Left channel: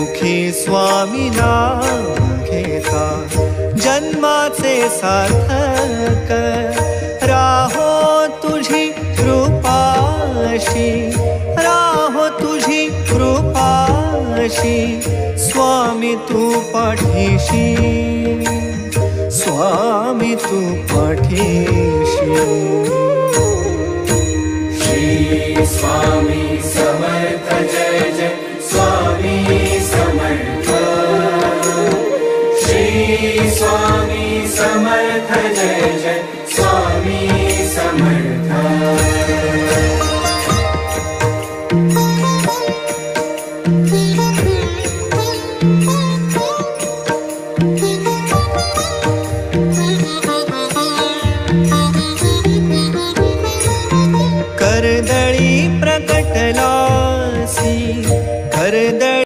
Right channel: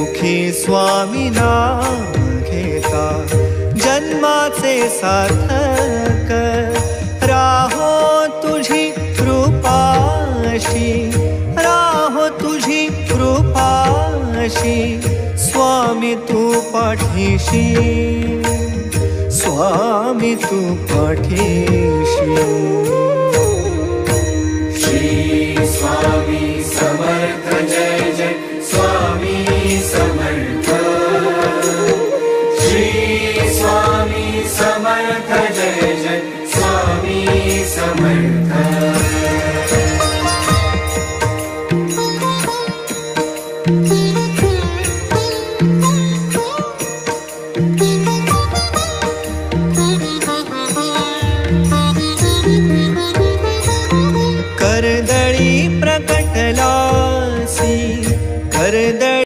मुखी स्वामी नाम घेता जन्माचे सार्थक राहो तुझी कृपाशी, राहो तुझी कृपाशी स्वामी तू पाठीशी, स्वामी तू पाठीशी। श्री स्वामी समर्थ जय जय स्वामी समर्थ, श्री स्वामी समर्थ जय जय स्वामी समर्थ। कर्दळी प्रकटलासी कर्दळी